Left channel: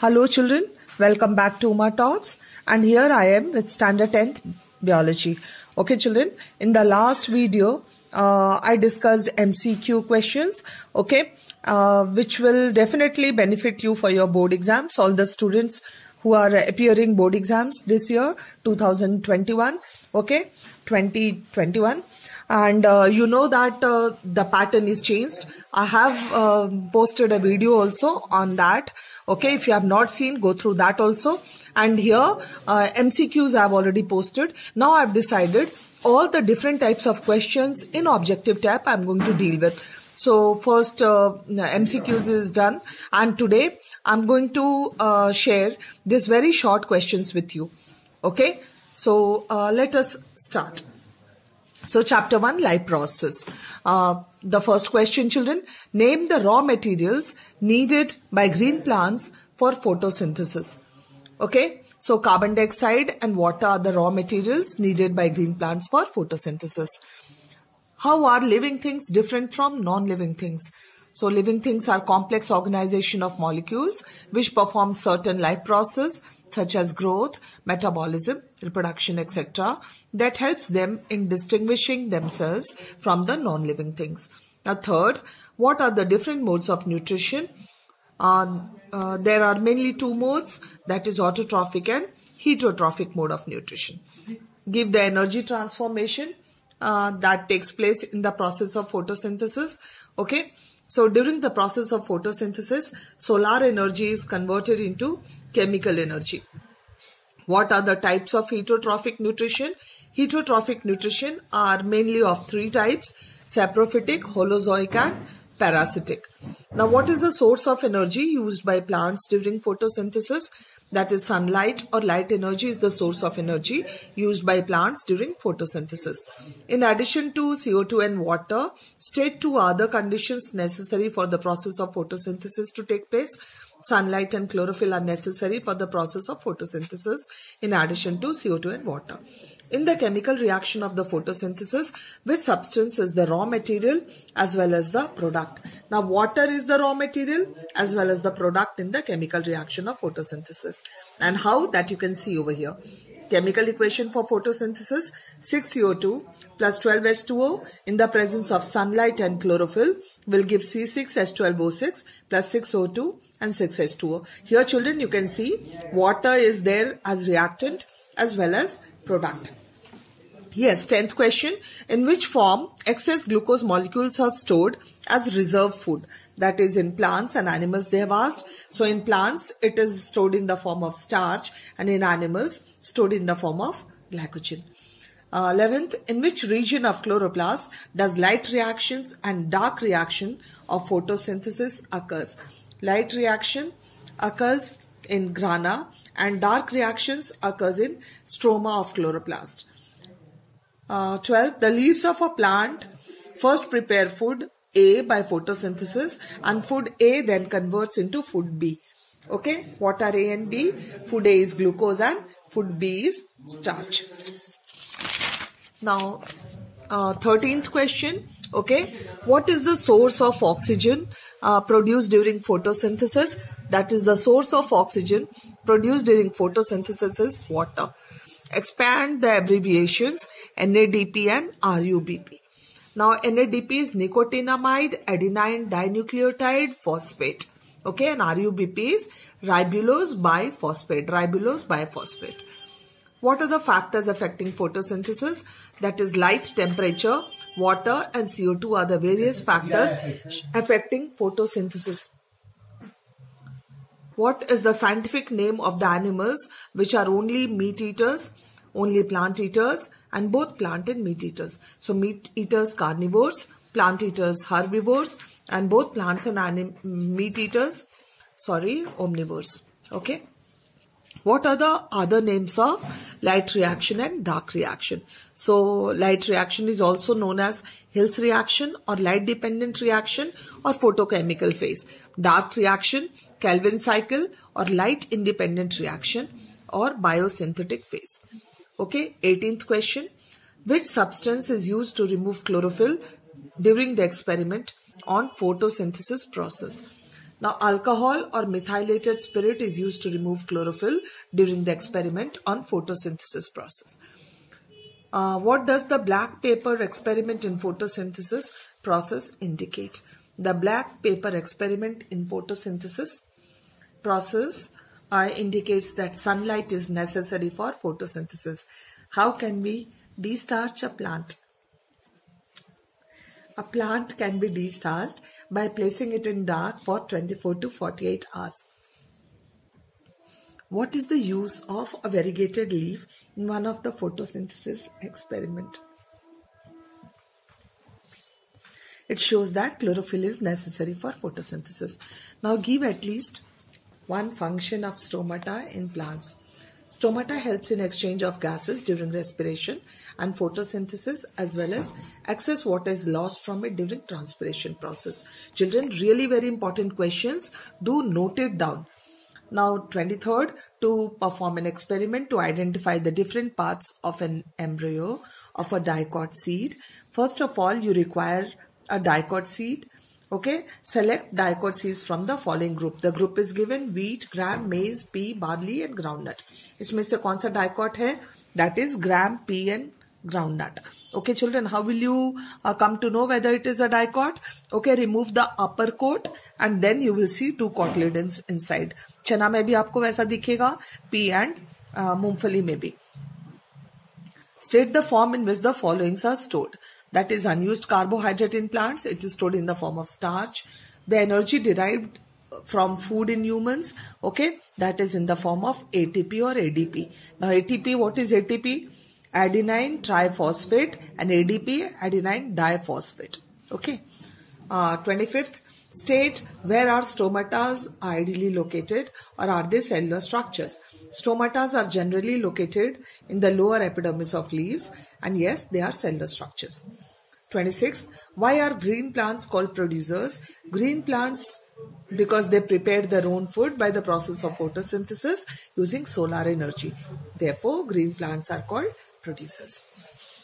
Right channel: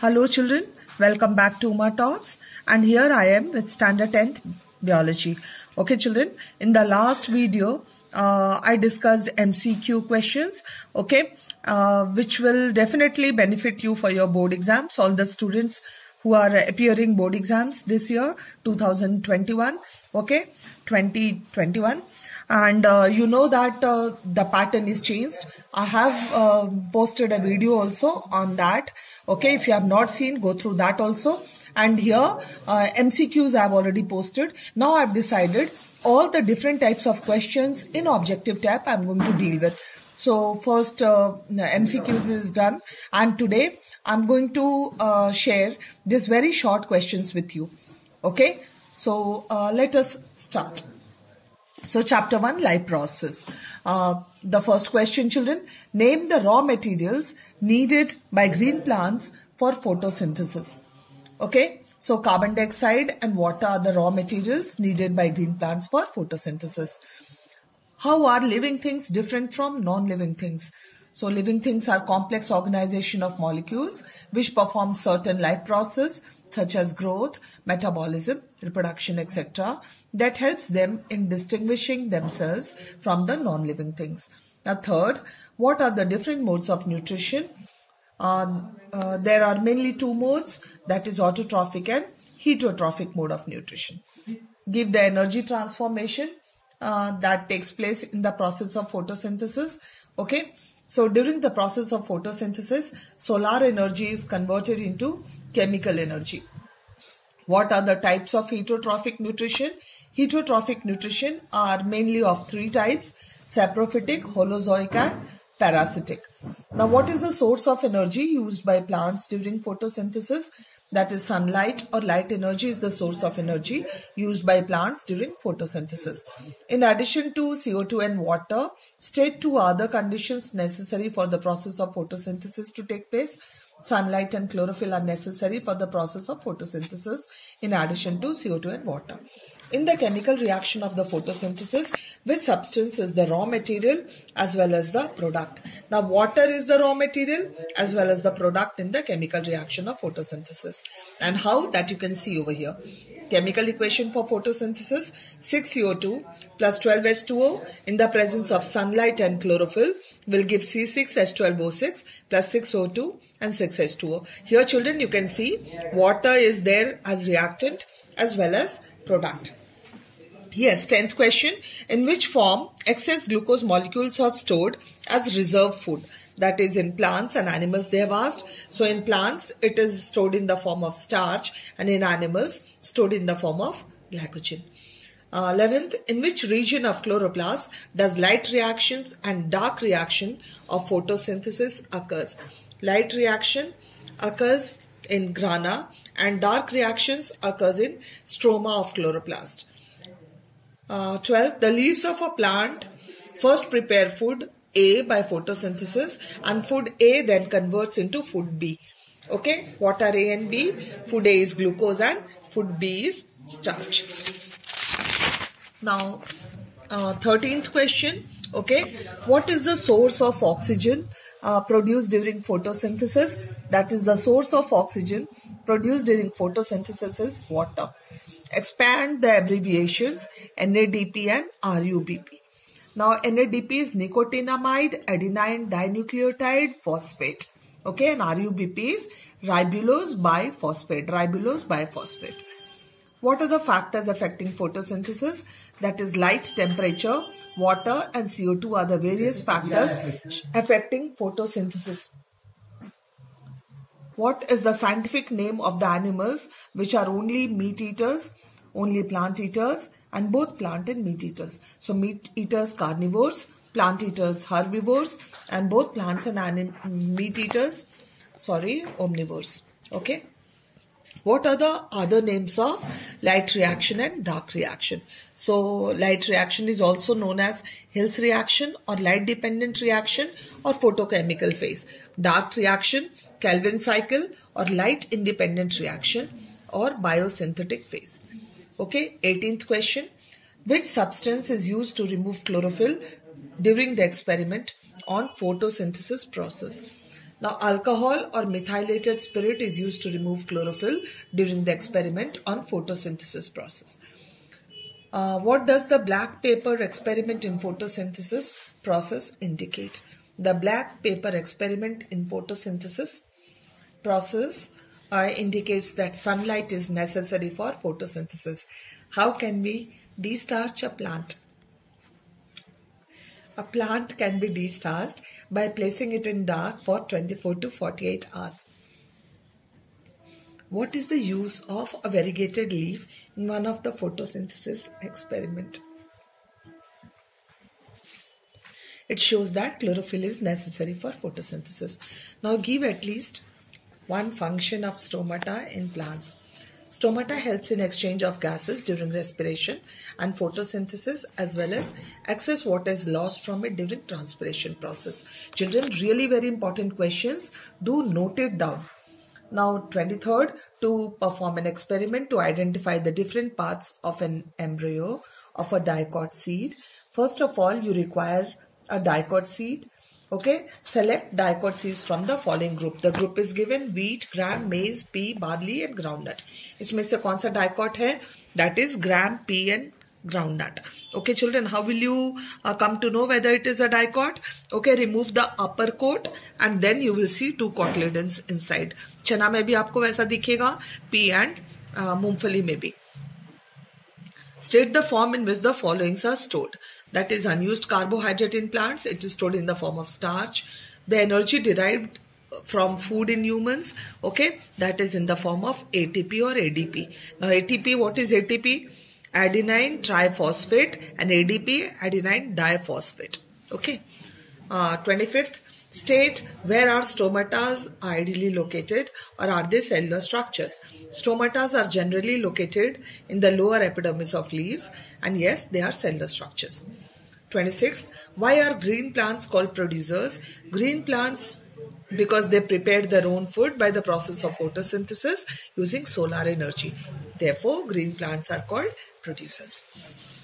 Hello children, welcome back to Uma Talks, and here I am with standard 10th biology. Okay children, in the last video I discussed MCQ questions, okay, which will definitely benefit you for your board exams, all the students who are appearing board exams this year 2021, okay, 2021. And you know that the pattern is changed. I have posted a video also on that. Okay, if you have not seen, go through that also. And here MCQs I have already posted. Now I have decided all the different types of questions in objective type I am going to deal with. So first MCQs is done, and today I am going to share these very short questions with you. Okay, so let us start. So chapter 1, life process. The first question, children, name the raw materials needed by green plants for photosynthesis. Okay, so carbon dioxide and water are the raw materials needed by green plants for photosynthesis. How are living things different from non-living things? So living things are complex organization of molecules which perform certain life process such as growth, metabolism, reproduction, etc. that helps them in distinguishing themselves from the non-living things. Now third, what are the different modes of nutrition? There are mainly two modes, that is autotrophic and heterotrophic mode of nutrition. Give the energy transformation that takes place in the process of photosynthesis. Okay, so during the process of photosynthesis, solar energy is converted into chemical energy. What are the types of heterotrophic nutrition? Heterotrophic nutrition are mainly of three types: saprophytic, holozoic and parasitic. Now what is the source of energy used by plants during photosynthesis? That is sunlight or light energy is the source of energy used by plants during photosynthesis. In addition to CO2 and water, state two other conditions necessary for the process of photosynthesis to take place. Sunlight and chlorophyll are necessary for the process of photosynthesis in addition to CO2 and water. In the chemical reaction of the photosynthesis, which substance is the raw material as well as the product? Now water is the raw material as well as the product in the chemical reaction of photosynthesis. And how? That you can see over here. Chemical equation for photosynthesis: 6CO2 plus 12H2O in the presence of sunlight and chlorophyll will give C6H12O6 plus 6O2 and 6H2O. Here children, you can see water is there as reactant as well as product. Yes, 10th question. In which form excess glucose molecules are stored as reserve food? That is, in plants and animals they have asked. So in plants it is stored in the form of starch, and in animals stored in the form of glycogen. 11th, in which region of chloroplast does light reactions and dark reaction of photosynthesis occurs? Light reaction occurs in grana and dark reactions occurs in stroma of chloroplast. 12th, the leaves of a plant first prepare food A by photosynthesis, and food A then converts into food B. Okay, what are A and B? Food A is glucose and food B is starch. Now 13th question. Okay, what is the source of oxygen produced during photosynthesis? That is, the source of oxygen produced during photosynthesis is water. Expand the abbreviations NADP and RUBP. Now NADP is nicotinamide adenine dinucleotide phosphate. Okay, and RUBP is ribulose biphosphate. What are the factors affecting photosynthesis? That is, light, temperature, water and CO2 are the various factors affecting photosynthesis. What is the scientific name of the animals which are only meat eaters, only plant eaters, and both plant and meat eaters? So meat eaters carnivores, plant eaters herbivores, and both plants and meat eaters omnivores. Okay. What are the other names of light reaction and dark reaction? So light reaction is also known as Hill's reaction or light dependent reaction or photochemical phase. Dark reaction, Calvin cycle or light independent reaction or biosynthetic phase. Okay, 18th question. Which substance is used to remove chlorophyll during the experiment on photosynthesis process? Now, alcohol or methylated spirit is used to remove chlorophyll during the experiment on photosynthesis process. What does the black paper experiment in photosynthesis process indicate? The black paper experiment in photosynthesis process indicates that sunlight is necessary for photosynthesis. How can we destarch a plant? A plant can be destarched by placing it in dark for 24 to 48 hours. What is the use of a variegated leaf in one of the photosynthesis experiment? It shows that chlorophyll is necessary for photosynthesis. Now give at least one function of stomata in plants. Stomata helps in exchange of gases during respiration and photosynthesis, as well as access what is lost from it during transpiration process. Children, really very important questions. Do note it down. Now 23rd, to perform an experiment to identify the different parts of an embryo of a dicot seed. First of all, you require a dicot seed. Okay, select dicot seeds from the following group. The group is given wheat, gram, maize, pea, barley and groundnut. इसमें से कौन सा dicot है? That is gram, pea and groundnut. Okay, children, how will you come to know whether it is a dicot? Okay, remove the upper coat and then you will see two cotyledons inside. चना में भी आपको वैसा दिखेगा, pea and मूंगफली में भी. State the form in which the followings are stored. That is unused carbohydrate in plants. It is stored in the form of starch. The energy derived from food in humans, okay, that is in the form of ATP or ADP. Now ATP, what is ATP? Adenine triphosphate, and ADP, adenine diphosphate. Okay. 25th, state where are stomatas ideally located, or are they cellular structures? Stomatas are generally located in the lower epidermis of leaves, and yes, they are cellular structures. 26th, why are green plants called producers? Green plants, because they prepared their own food by the process of photosynthesis using solar energy. Therefore, green plants are called producers.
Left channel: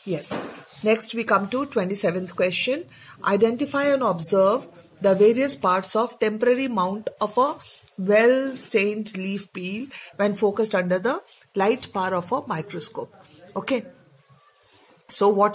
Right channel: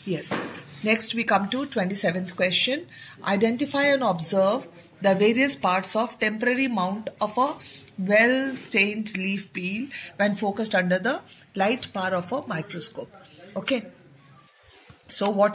Yes. Next we come to 27th question. Identify and observe the various parts of temporary mount of a well-stained leaf peel when focused under the light power of a microscope. Okay. So what